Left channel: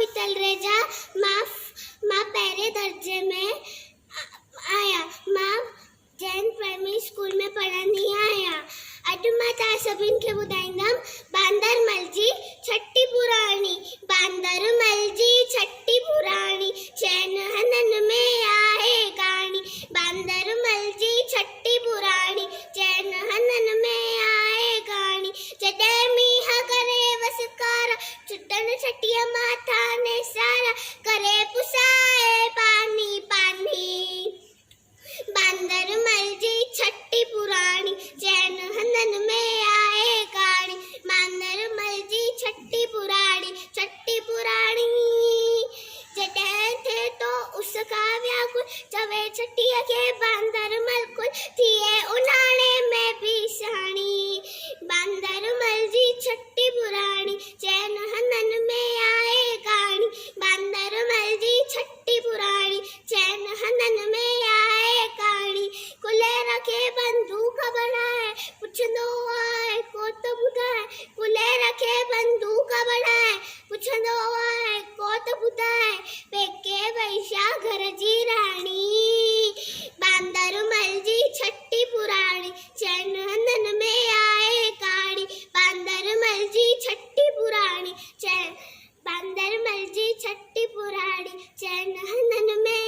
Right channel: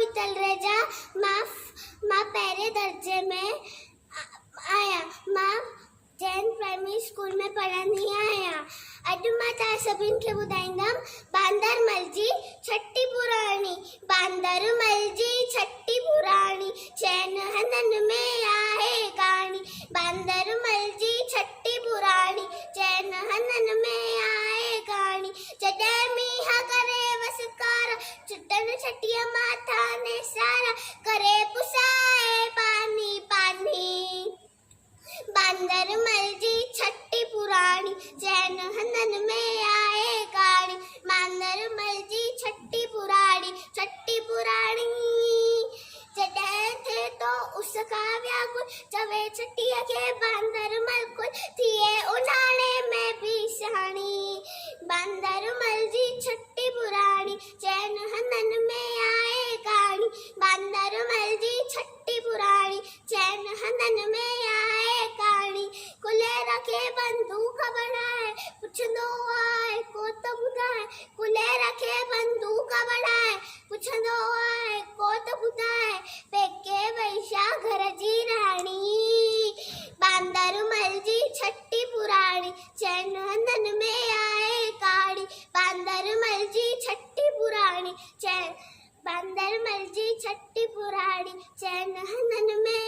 वितल रेजा मां पहले दर्जे में आया। मां जैन प्राइमरी स्कूल में पढ़ंदी आहियां। अॼु मां तव्हां सभिनि खे ॿुधाईंदमि बांदरमल जी छठी पुराणी। बांदरमल जी छठी पुराणी, चैन हनन में आहे कहाणी। बांदरमल जी छठी पुराणी, चैन हनन में आहे कहाणी। जॾहिं मींहं करे वसकारा, छुटन छठीअ माथा ने सारा, करे पुसाए पानी पानी। बांदरमल जी छठी पुराणी, चैन हनन में आहे कहाणी। बांदरमल जी छठी पुराणी, छठी पुराणी। जॾहिं थे तो उसका व्याकुल, चवे छठीअ खे बांदरमल कुल, थिए उन्हाणे में भी सहाणी। बांदरमल जी छठी पुराणी, चैन हनन में आहे कहाणी। बांदरमल जी छठी पुराणी, चैन हनन में आहे कहाणी। कुलेर खे बंदूक बढ़ाए, पुछंदो आहे को त ॿुधाए। कुलेर खे बंदूक बढ़ाए, पुछंदो आहे को त ॿुधाए। पेके वैशा घर जी राणी। बांदरमल जी छठी पुराणी, चैन हनन में आहे कहाणी। बांदरमल जी छठी पुराणी, बांदरमल जी छठी पुराणी, चैन हनन में